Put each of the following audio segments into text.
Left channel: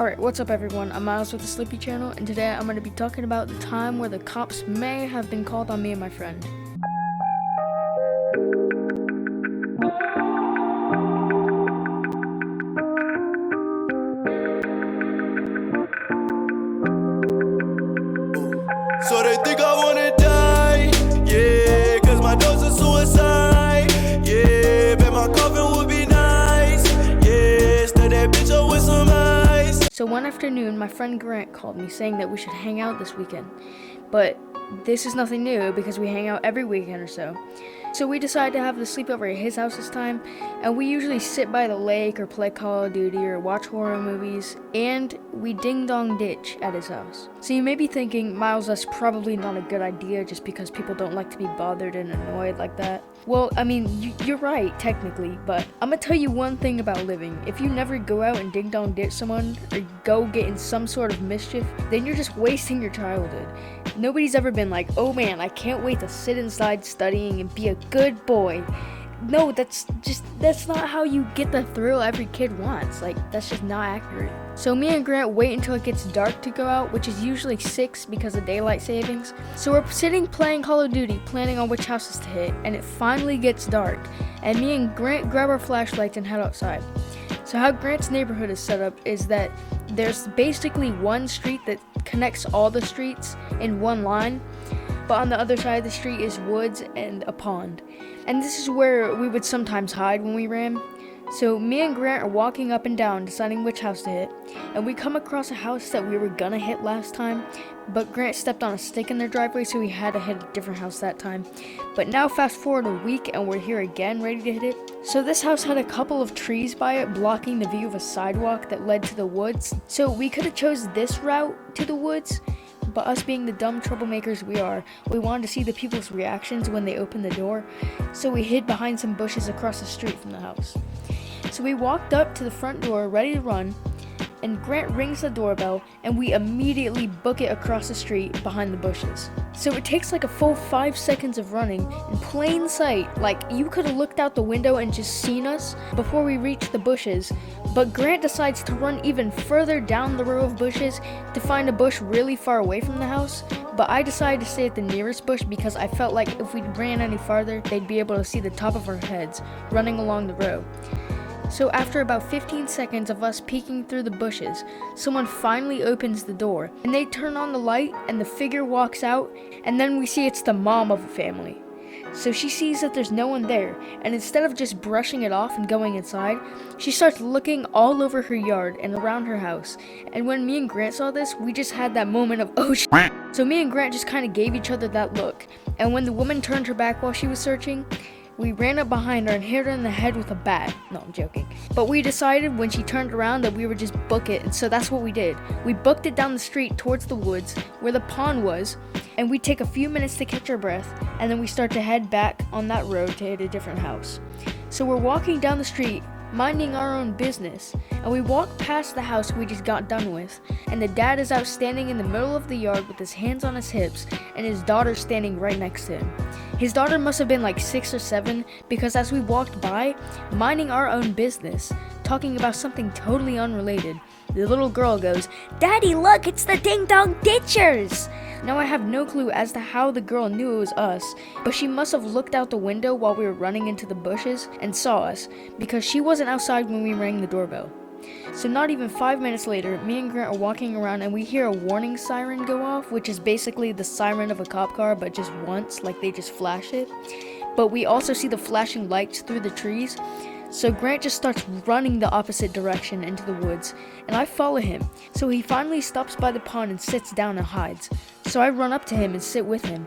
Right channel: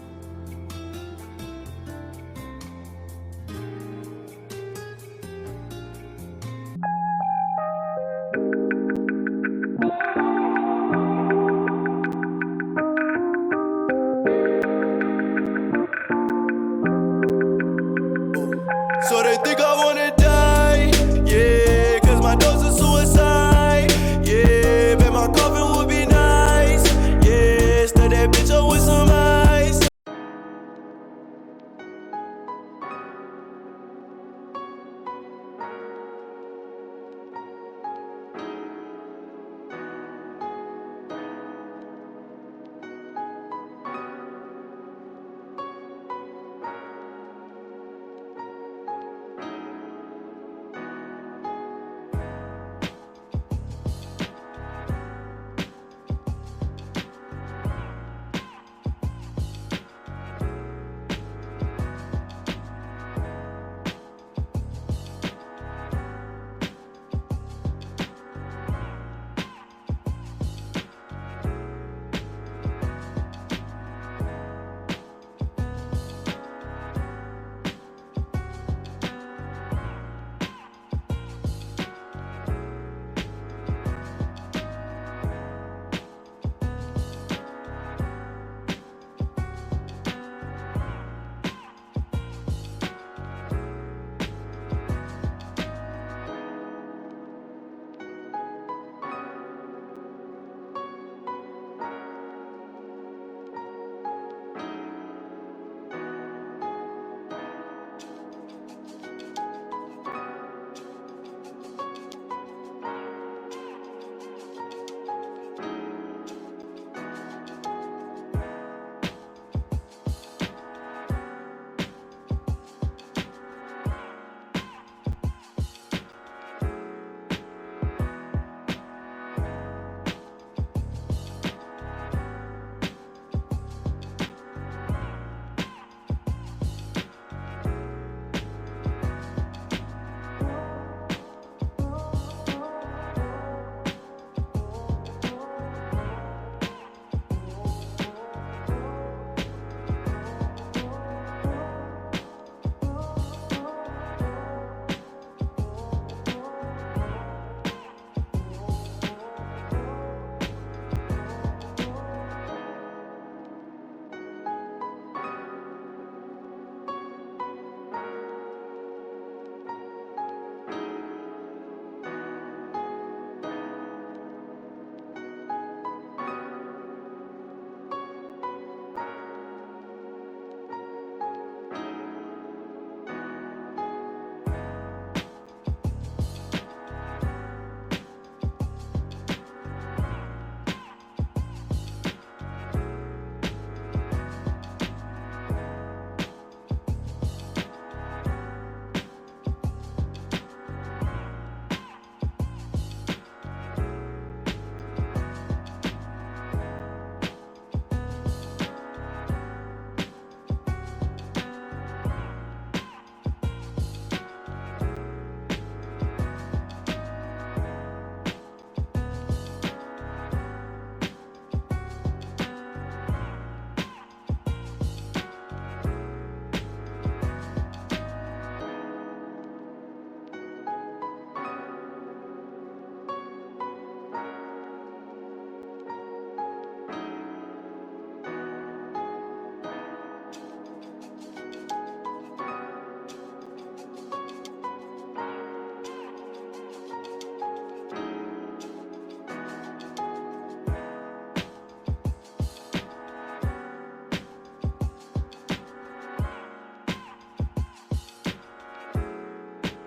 Alright, what's up everyone? I'm Miles with the Slippy Channel, and today I'm going to be talking about the time where the cops may have been called on me and my friend. So they think I wanna die, yeah, cause my dose is suicide, yeah, bet my coffin would be nice, yeah, stud that bitch up with some ice. So one afternoon, my friend Grant called me saying that we should hang out this weekend. But this is nothing new because we hang out every weekend or so. So we decided to have the sleepover at his house this time, and we usually sit by the lake or play Call of Duty or watch horror movies, and we ding-dong ditch at his house. So you may be thinking, Miles, that's probably not a good idea just because people don't like to be bothered and annoyed like that. Well, I mean, you're right, technically, but I'm gonna tell you one thing about living. If you never go out and ding-dong ditch someone or go get in some sort of mischief, then you're just wasting your childhood. Nobody's ever been like, oh man, I can't wait to sit inside studying and be a good boy. No, that's not how you get the thrill every kid wants. Like, that's just not accurate. So me and Grant wait until it gets dark to go out, which is usually 6 because of daylight savings. So we're sitting playing Call of Duty, planning on which houses to hit, and it finally gets dark. And me and Grant grab our flashlights and head outside. So how Grant's neighborhood is set up is that there's basically one street that connects all the streets in one line, but on the other side of the street is woods and a pond. And this is where we would sometimes hide when we ran. So me and Grant are walking up and down deciding which house to hit, and we come across a house that we were gonna hit last time, but Grant stepped on a stick in their driveway, so we had to hit a different house that time. But now fast forward a week and we're here again ready to hit it. So this house had a couple of trees by it blocking the view of a sidewalk that led to the woods. So we could have chose this route to the woods, but us being the dumb troublemakers we are, we wanted to see the people's reactions when they opened the door. So we hid behind some bushes across the street from the house. So we walked up to the front door ready to run, and Grant rings the doorbell, and we immediately book it across the street behind the bushes. So it takes like a full 5 seconds of running in plain sight, like you could have looked out the window and just seen us before we reached the bushes, but Grant decides to run even further down the row of bushes to find a bush really far away from the house, but I decided to stay at the nearest bush because I felt like if we ran any farther, they'd be able to see the top of our heads running along the road. So after about 15 seconds of us peeking through the bushes, someone finally opens the door, and they turn on the light, and the figure walks out, and then we see it's the mom of the family. So she sees that there's no one there, and instead of just brushing it off and going inside, she starts looking all over her yard and around her house. And when me and Grant saw this, we just had that moment of, oh shit. So me and Grant just kind of gave each other that look, and when the woman turned her back while she was searching, we ran up behind her and hit her in the head with a bat. No, I'm joking. But we decided when she turned around that we would just book it, and so that's what we did. We booked it down the street towards the woods where the pond was, and we take a few minutes to catch our breath, and then we start to head back on that road to hit a different house. So we're walking down the street, minding our own business, and we walk past the house we just got done with, and the dad is out standing in the middle of the yard with his hands on his hips, and his daughter standing right next to him. His daughter must have been like 6 or 7, because as we walked by, minding our own business, talking about something totally unrelated, the little girl goes, "Daddy, look, it's the Ding Dong Ditchers!" Now I have no clue as to how the girl knew it was us, but she must have looked out the window while we were running into the bushes and saw us, because she wasn't outside when we rang the doorbell. So not even 5 minutes later, me and Grant are walking around and we hear a warning siren go off, which is basically the siren of a cop car, but just once, like they just flash it. But we also see the flashing lights through the trees. So Grant just starts running the opposite direction into the woods, and I follow him. So he finally stops by the pond and sits down and hides. So I run up to him and sit with him.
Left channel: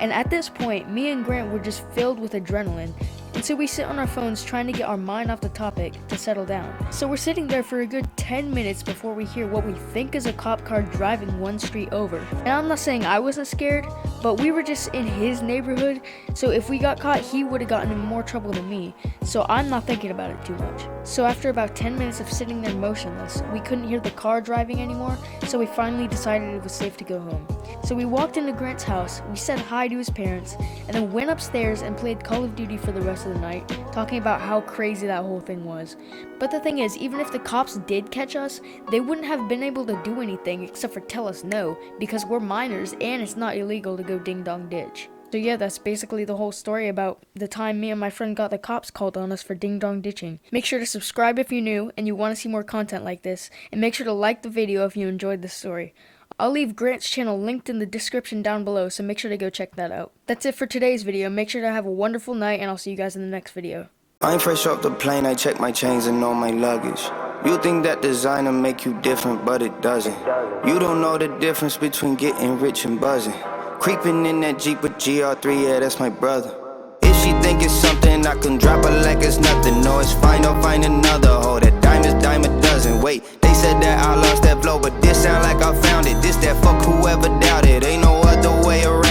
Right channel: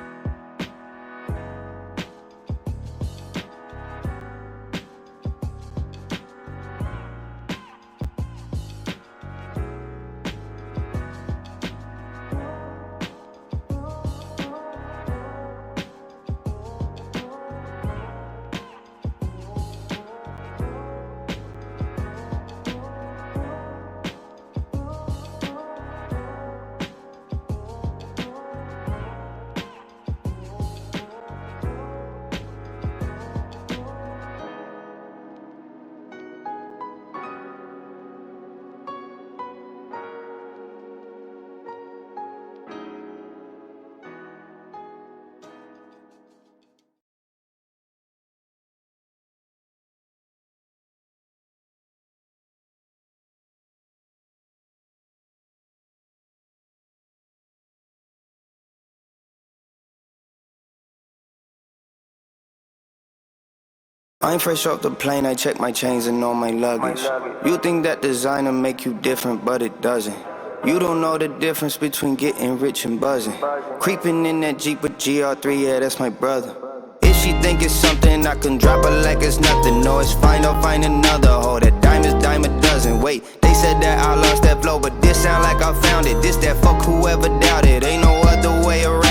And at this point, me and Grant were just filled with adrenaline. And so we sit on our phones trying to get our mind off the topic to settle down. So we're sitting there for a good 10 minutes before we hear what we think is a cop car driving one street over. And I'm not saying I wasn't scared, but we were just in his neighborhood, so if we got caught, he would have gotten in more trouble than me. So I'm not thinking about it too much. So after about 10 minutes of sitting there motionless, we couldn't hear the car driving anymore, so we finally decided it was safe to go home. So we walked into Grant's house, we said hi to his parents, and then went upstairs and played Call of Duty for the rest of the night, talking about how crazy that whole thing was. But the thing is, even if the cops did catch us, they wouldn't have been able to do anything except for tell us no, because we're minors and it's not illegal to go ding dong ditch. So yeah, that's basically the whole story about the time me and my friend got the cops called on us for ding dong ditching. Make sure to subscribe if you're new and you want to see more content like this, and make sure to like the video if you enjoyed this story. I'll leave Grant's channel linked in the description down below, so make sure to go check that out. That's it for today's video. Make sure to have a wonderful night, and I'll see you guys in the next video. I ain't fresh off the plane, I check my chains and all my luggage. You think that designer make you different, but it doesn't. You don't know the difference between getting rich and buzzing. Creeping in that Jeep with GR3, yeah, that's my brother. If she think it's something, I can drop her like it's nothing. No, it's fine, I'll find another hoe. That dime a dozen. Wait, they said that I lost that flow, but this sound like I found it. This that fuck whoever doubted. Ain't no other way around.